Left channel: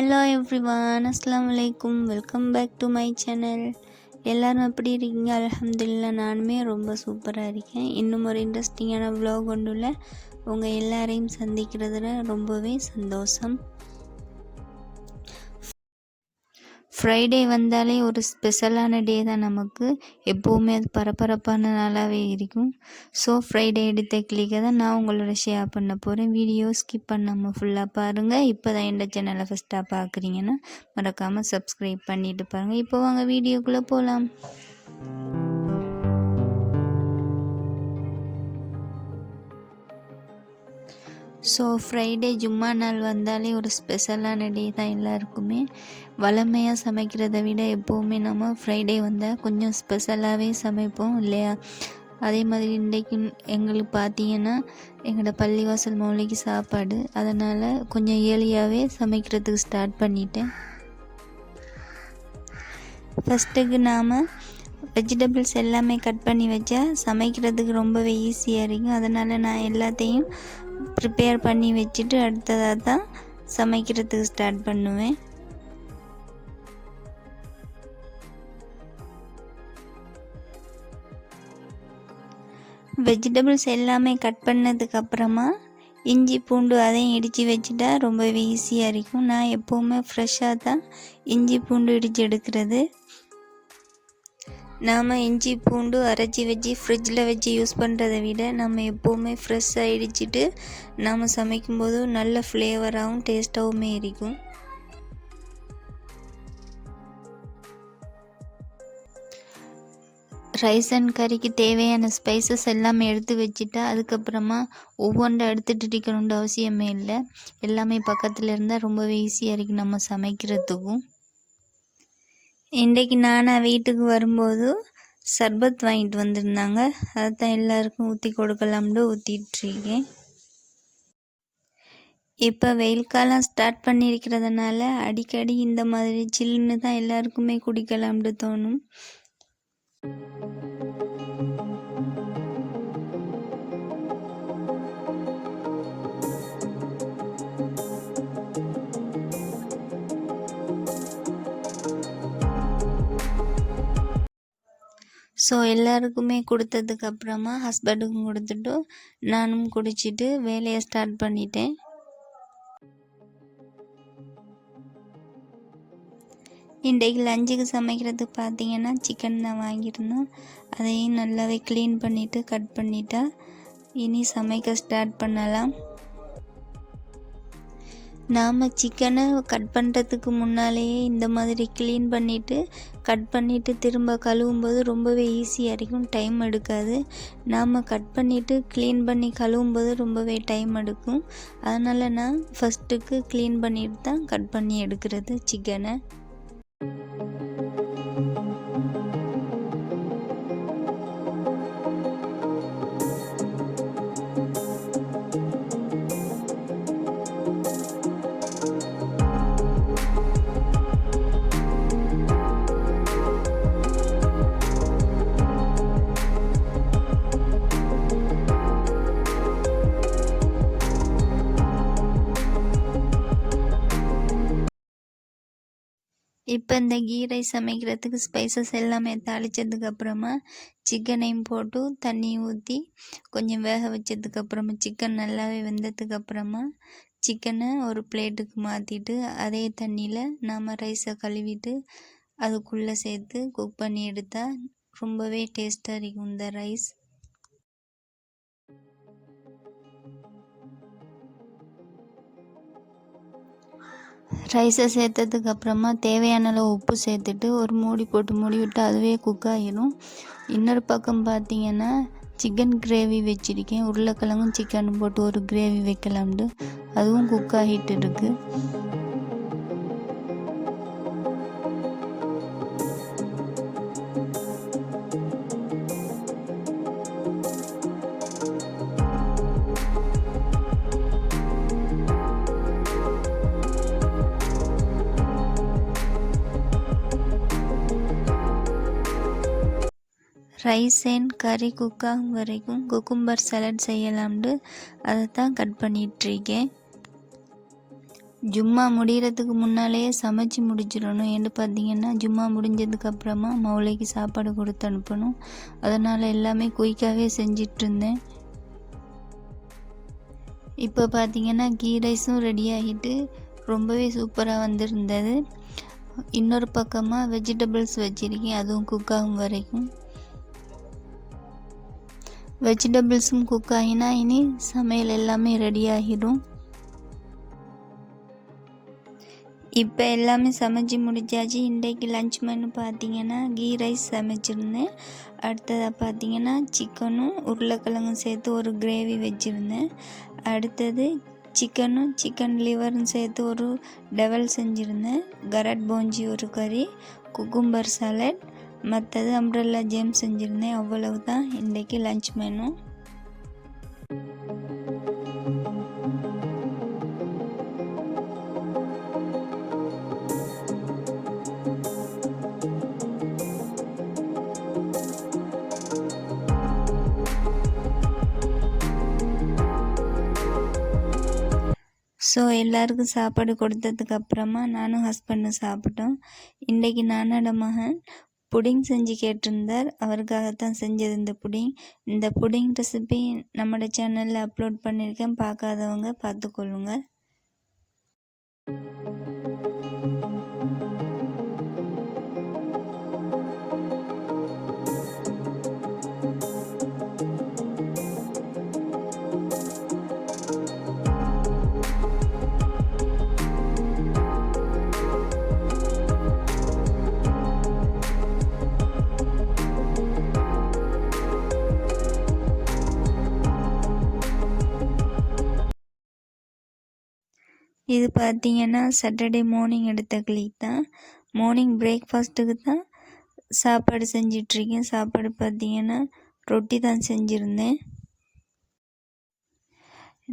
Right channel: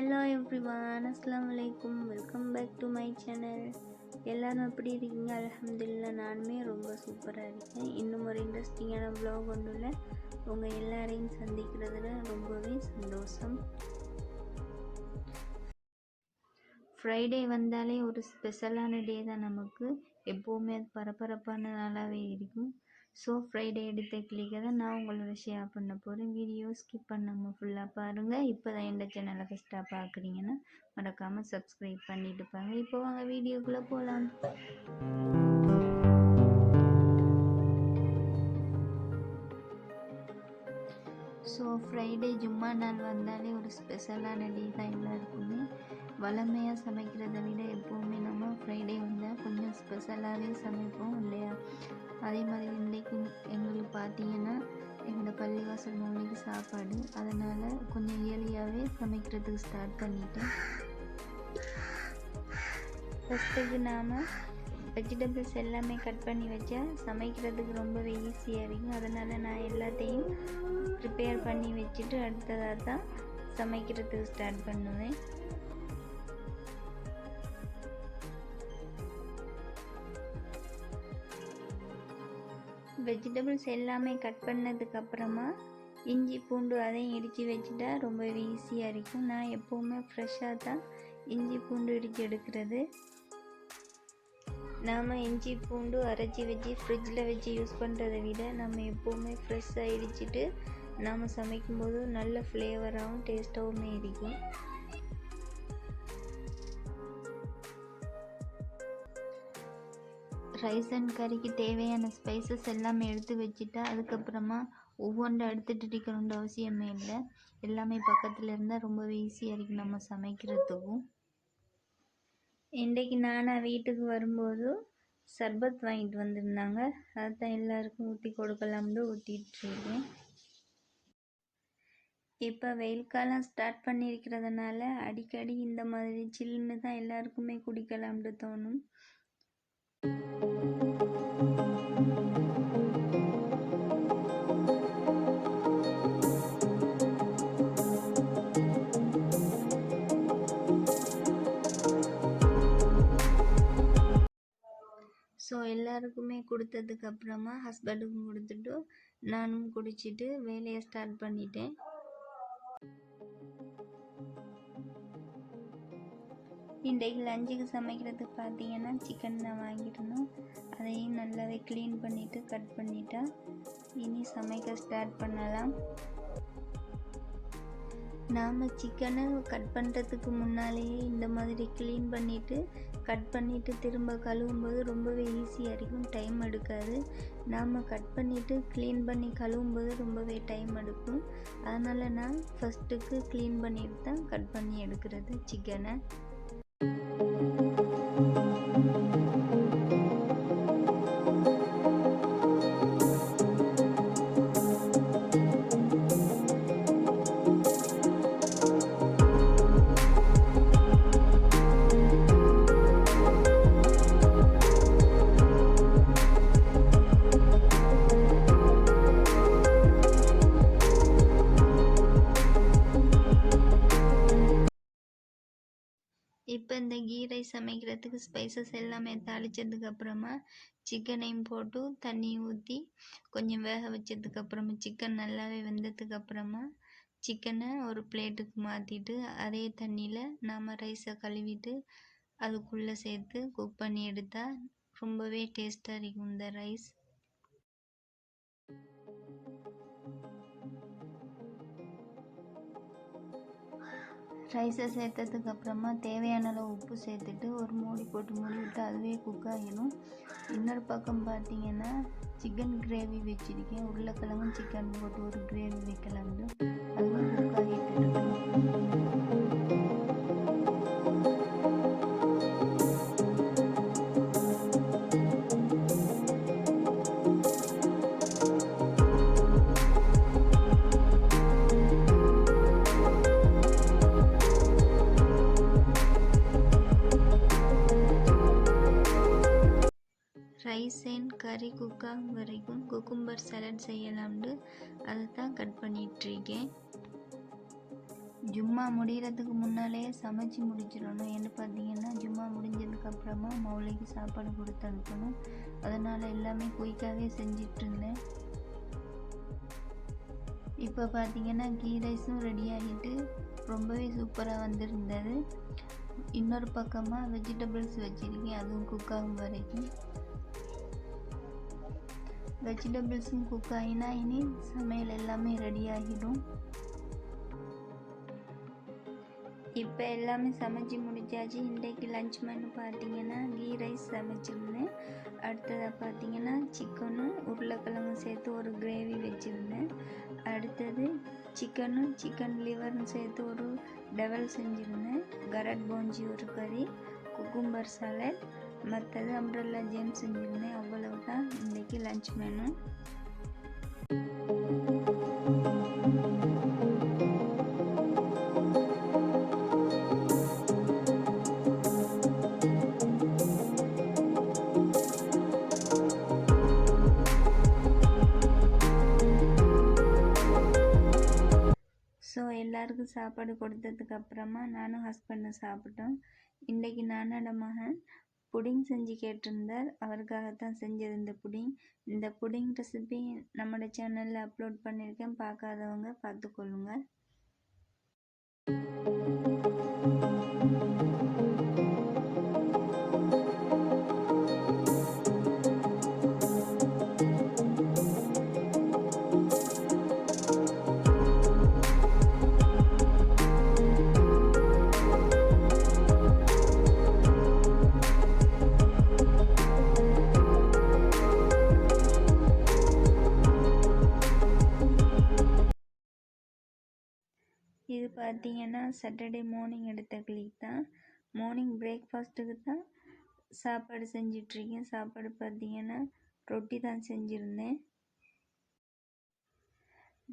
Hello everyone அஸ்லாம் வலைக்கும் welcome back to my channel எல்லோரும் எப்படி இருக்கீங்க? அலமதுல்லா நானுமே ரொம்ப சூப்பராக இருக்கேன். இன்னும் ஒரு இன்ட்ரெஸ்டிங்கான விலாக் கொண்டுள்ள உங்கள் எல்லாரையும் சந்திக்கிறதுல ரொம்பவே சந்தோஷம். ஃப்ரைடே வந்தாலே ஒரு ஸ்பெஷலான டே தான் நமக்கு. எப்போவுமே அது பரபரப்பான நாளாகவே இருக்கும். ஸோ ஃப்ரைடே எடுத்த கிளிக்கை தான் நான் உங்களோட ஷேர் பண்ண போகிறேன் வீடியோ ஸ்கிப் பண்ணாமல் ஃபுல்லாக பாருங்கள் இப்போ தான் எந்த சேனலை ஃபஸ்ட்டாக பார்க்குறீங்கன்னா மறக்காமல் சப்ஸ்கிரைப் பண்ணிட்டு பாருங்கள் இப்போ வாங்க வீடியோக்குள்ளே போகலாம் ஸோ ஃப்ரைடே ஜும்மா நாள் வந்தாலே ஒரு ஸ்பெஷலான டே தான் எல்லாருக்குமே. வளமையாக சமைக்கிறத விட எப்போவுமே நம்ம ஃப்ரைடே வந்தால் கொஞ்சம் ஸ்பெஷலாகவே சமைப்போம் இல்லையா? அதே மாதிரி இன்றைக்கு எங்களுக்கு பார்த்தீங்கன்னா எங்களோட பள்ளிவாசல் மௌலிக்கு சாப்பாடு. அதனால் கொஞ்சம் ஏர்லியாகவே சமைக்கிறதுக்கு ஸ்டார்ட் பண்ணிட்டேன். ஃபஸ்ட்டுக்கு நாம் வெஜிடபிள்ஸ் எல்லாமே கட் பண்ணி வச்சா சமைக்கிறதுக்கு ரொம்பவே ஈஸியாக இருக்கும். அதனால் நான் எல்லாத்தையும் ப்ரிப்பேர் பண்ணி வச்சுட்டு அடுத்ததாக தான் சமைக்கிறதுக்கு ஸ்டார்ட் பண்ணுவேன். வெஜிடபிள்ஸ் எல்லாமே கட் பண்ணதுக்கப்புறமா இஞ்சி பூண்டு அதையும் இடித்து வச்சுட்டா ரொம்பவே ஈஸியாக இருக்கும். நான் எப்போவுமே ஃப்ரெஷ்ஷாக தான் இஞ்சி பூண்டு இடித்து எடுக்கிறது. நாம் இஞ்சி பூண்டு அரைச்சி வச்சு ஃப்ரிட்ஜில் வச்சு யூஸ் பண்ணுறத விட நம்ம எப்போவுமே ஃப்ரெஷ்ஷாக இடிச்சிட்டு நாம் சமைக்கும்போது நல்ல ஃப்ளேவராகவும் டேஸ்ட்டாகவுமே இருக்கும். ரைஸ் அண்ட் கறிக்கு தேவையான ஸ்பைசஸ் எல்லாமே எடுத்து வச்சுட்டா அதுக்கப்புறமா ஒவ்வொன்றை எடுத்துகிட்டு இருக்கணுன்ற அவசியமே இல்லை. எல்லாமே பக்கத்தில் இருந்தால் ரொம்பவே ஈஸியாக இருக்குது நம்ம சமைக்கிறதுக்கும். இன்றைக்கு நானாக வீட்டுக்கு வரும்போது சர்பத் வாங்கிட்டு வந்திருந்தாங்க. அதை தான் எல்லாருக்கும் ஊற்றி கொடுக்கலாம்னு ஊற்றிட்டுருக்கேன் இப்போ வெயில் காலம் ஸ்டார்ட் பண்ணியிருக்கிறதுனால அடிக்கடி இந்த மாதிரி சில்லுன்னு தான் எல்லாருக்குமே குடிக்கலாம்னு தோணும். ஸோ எல்லாருக்குமே கொடுத்ததுக்கு அப்புறமா ஹஸ்பண்டுக்கும் கொடுத்துட்டு நானும் குடிச்சிட்டு வேலையை ஸ்டார்ட் பண்ணிட்டேன். இன்றைக்கு லஞ்சுக்கு சமைக்கிறதுக்கு பார்த்தீங்கன்னா சிக்கன் தான் வாங்கியிருந்தோம். அதையும் நல்லாவே க்ளீன் பண்ணிவிட்டு கட் பண்ணிட்டா இனி சமைக்க ஸ்டார்ட் பண்ணலாம். நாம் சிக்கனை கட் பண்ணுறதுக்கு முன்னாலேயே இந்த மாதிரி க்ளீன் பண்ணிவிட்டு கட் பண்ணிவிட்டு திரும்ப கழுவும்போது ரொம்பவே ஈஸியாக இருக்கும் டைம் எடுக்காது. நாம் கட் பண்ணிவிட்டு க்ளீன் பண்ணி கழுவும்போது ரொம்பவே டைம் எடுக்கும். அதனால் நான் ஃபஸ்ட்டுக்கு க்ளீன் பண்ணிட்டு தான் கட் பண்ணி எடுக்கிறது சிக்கனை இப்போ இந்த கீ ரைஸ் சமைக்கிறதுக்கு ஸ்பைசஸ் எல்லாமே தாளித்ததுக்கு அப்புறமா சிக்கனையும் போட்டு தண்ணி ஊற்றி கொஞ்சம் வேக வச்சதுக்கு அப்புறமா சிக்கன் நல்லாவே வெந்ததுக்கு அப்புறமா சிக்கனை ஒரு பிளேட்டுக்கு மாற்றிட்டு அதே தண்ணியில் நாம் ரைஸை கழுவிட்டு அதுக்குள்ளே சேர்த்து குக் பண்ணி எடுத்தால் ரொம்பவே டேஸ்ட்டாக இருக்கும் இந்த ரைஸ் ரைஸை சேர்த்ததுக்கப்புறமா தேவையான அளவு உப்பு சேர்த்துட்டு ஒரு மூடி போட்டு மூடி விட்டு அதுவே குக் ஆகிடும் இன்னொரு பக்கம் பார்த்தீங்கன்னா சிக்கன் கிரேவி வச்சுருக்கேன். உருளைக்கிழங்கும் சிக்கன் போட்டு ஒரு கிரேவி வைக்கலாம்ட்டு அதுவும் குக் ஆகிட்டு இருக்குது ரைஸ் அண்ட் கறி குக்காகும் வரைக்கும் குக்கும்பர் சலட் செய்யலாம்னு அதை தான் கட் பண்ணிகிட்ருக்கேன் ஜும்மா முடிகிறதுக்கு முன்னாலேயே சமைச்சு முடிச்சிடணும். ஏன்னு பார்த்தீங்கன்னா ஜும்மா முடிஞ்சதுக்கப்புறமா மௌளைக்கு சாப்பாடு கொடுத்து அனுப்பணும். அதனால் எல்லாமே குயிக்காகவே செஞ்சிட்டு இருந்தேன் இப்போ பார்த்தீங்கன்னா கீ ரைஸும் ரெடி ஆகிட்டு ரொம்பவே சூப்பராக வந்திருந்தது. இன்னொரு பக்கமாக வெஜிடபிள்ஸ் வச்சுருக்கேன். அதுவும் குக் ஆகும் வரைக்கும். வெஜிடபிள்ஸும் குக் ஆகினா இனி சமையல் எல்லாமே ரெடி ஆகிடும். இப்போ எல்லாமே சமைச்சு முடிச்சாச்சு. இன்றைக்கு லஞ்ச் மெனு பார்த்தீங்கன்னா கீ ரைஸ் சமைச்சிருந்தேன். அடுத்ததாக பார்த்தீங்கன்னா சிக்கனும் உருளைக்கிழங்கும் சேர்த்து ஒரு கிரேவி வச்சுருந்தேன். அடுத்தது சிக்கனும் சிக்கன் லிவரும் சேர்த்து ஒரு டெவல் செஞ்சுருந்தேன். கரட் போஞ்சி ஒரு கறி குக்கும்பர் சாலட் மற்றது அம்ப்ரெல்லா ஜேம் செஞ்சுருந்தேன். அவ்வளவு தான் இன்றைக்கி லஞ்ச் மெனு ஸோ எல்லாருக்கும் சாப்பாடு கொடுத்ததுக்கு அப்புறமா நானும் ஹஸ்பண்டும் சாப்பிட்டோம். இன்றைக்கி நானோட மகன் புடிங் செஞ்சு கேட்டிருந்தார். அவருக்காகத்தான் செஞ்சது இந்த புடிங். இந்த புடிங் ரெசிபி நம்மளோட சேனலில் அப்லோட் பண்ணியிருக்கேன். பார்க்காதவங்க பார்த்துக்கொள்ளுங்க இது பார்த்தீங்கன்னா சாட்டர்டே மார்னிங் எடுத்த கிளிக் தான். மார்னிங் பிரேக்ஃபாஸ்ட்டுக்கு தான் சாப்பாடு செஞ்சிட்ருக்கேன். சாப்பாடு பார்த்தீங்கன்னா ரொட்டி தான் செஞ்சுருந்தேன்.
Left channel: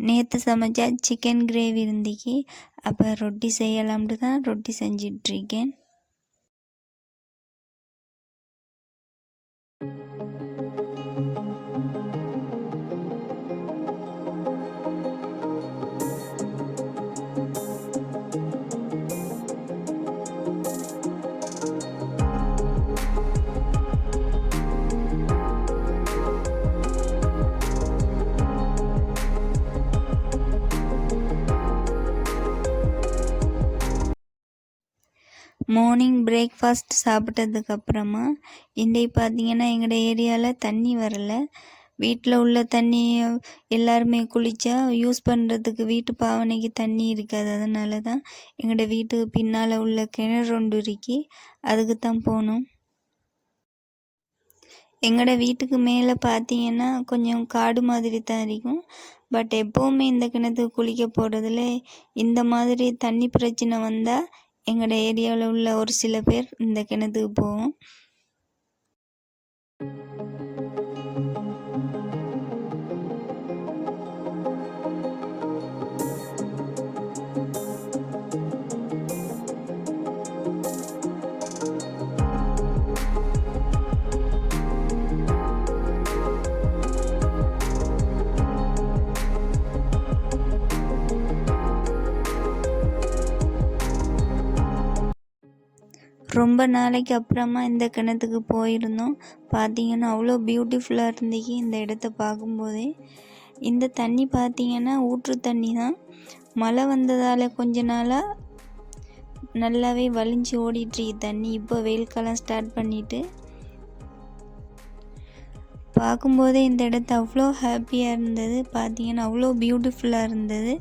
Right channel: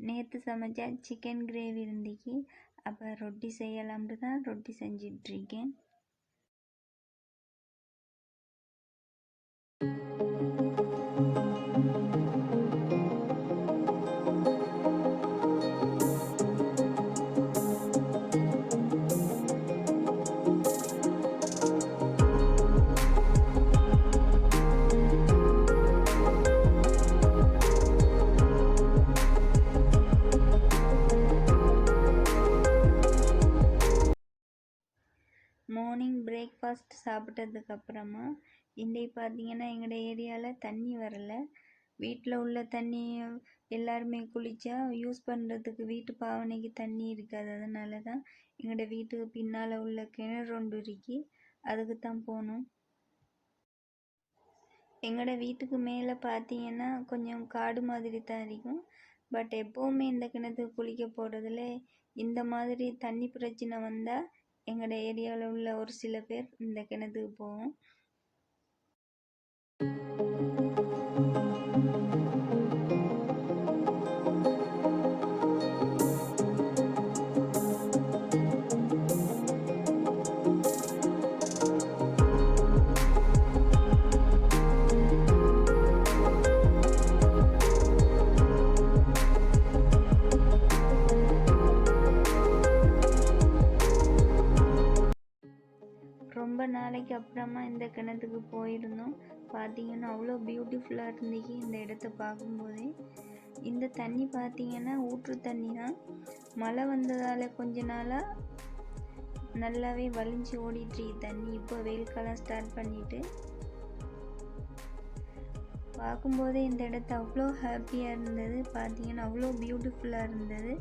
நேற்று சமைச்சா சிக்கன் கிரேவி இருந்துச்சு அப்போ ரொட்டி செய்யலாம்ட்டு தான் ரொட்டி செஞ்சிட்ருக்கேன். மார்னிங் பிரேக்ஃபாஸ்ட் சாப்பிட்டதுக்கப்புறமா இன்றைக்கு பார்த்தீங்கன்னா எங்களோட ஏரியாவில் தண்ணி வரல. வீட்டில் உள்ள தண்ணி எல்லாருமே குளித்தா யூஸ் பண்ணுறதுக்கு வீட்டு பாவனைக்கு தண்ணி இருக்காது. அதனால தான் எங்களோட வீட்டுக்கு பின்னால் உள்ள கிணறு ஒன்று இருக்கி. அதுக்கு தான் போகணும் எங்களோட வீட்டுக்கு மேலே பார்த்தீங்கன்னா கொஞ்சம் காடு மாதிரி தான் இருக்கும். பட் எப்போவுமே இந்த கிணத்துக்கு குளிக்க போகிறதுல இந்த மாதிரி தண்ணி பிரச்சனை வந்தால் எங்களோட ஏரியாவில் உள்ள ஒரு சில பேர் இந்த கிணத்துக்கு போவோம். ரொம்ப நாளைக்கு அப்புறமா இந்த கிணத்துக்கு போயிருந்தோம். பார்த்தீங்கன்னா அவ்வளோ பியூட்டிஃபுல்லாக இருந்துச்சு இந்த இடத்த பார்க்கும்போதே. இந்த தண்ணி பார்த்தீங்கன்னா ஊற்று தண்ணி தான். மழை வந்ததால் கொஞ்ச நாளாக நல்லாவே வலிஞ்சு ஓடிட்டுருக்கு தண்ணி. இப்போ வெயில் காலம் ஸ்டார்ட் பண்ணிவிட்டு பார்க்கும்போதே இந்த இடத்த அவ்வளோ ஹாப்பியாக இருந்தது. பார்த்தீங்கன்னா அவ்வளோ பியூட்டிஃபுல்லாக இருந்தது.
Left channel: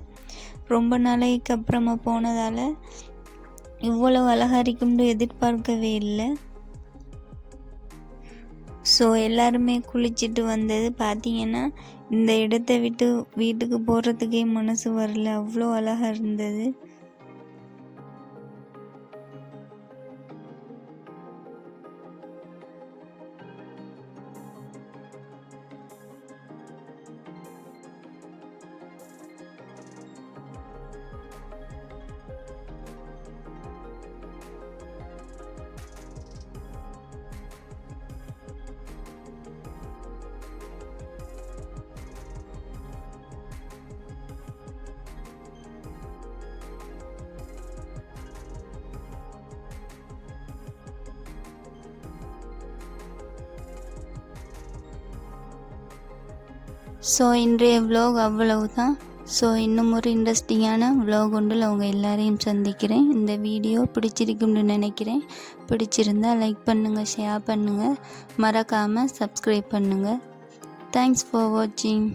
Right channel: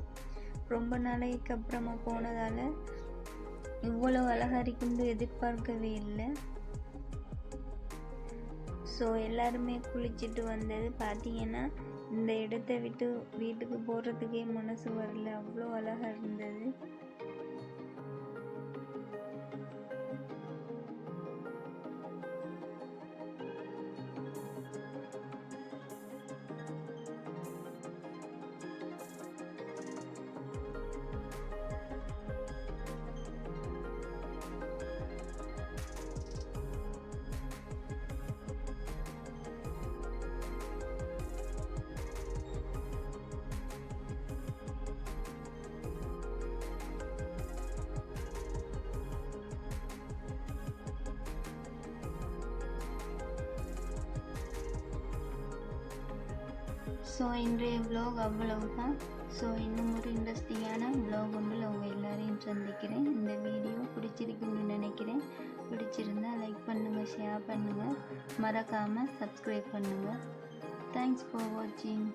ரொம்ப நாளைக்கு அப்புறமா போனதால் இவ்வளவு அழகாக இருக்கும்னு எதிர்பார்க்கவே இல்லை. ஸோ எல்லாருமே குளிச்சுட்டு வந்தது பார்த்தீங்கன்னா இந்த இடத்த விட்டு வீட்டுக்கு போகிறதுக்கே மனசு வரல. அவ்வளோ அழகாக இருந்தது. ஸோ இன்றைய விலாக் அவ்வளவு தான் ஸோ இன்னும் ஒரு இன்ட்ரெஸ்டிங்கான விலாக் ஒன்றில் அவங்க எல்லாரையும் சந்திக்கிறேன். இந்த வீடியோ பிடிச்சிருக்கும்னு நினைக்கிறேன். பிடிச்சிருந்தா லைக் பண்ணுங்கள் ஷேர் பண்ணுங்கள் மறக்காமல் சப்ஸ்கிரைப் பண்ணுங்கள் தேங்க்ஸ் ஃபார் வாட்சிங்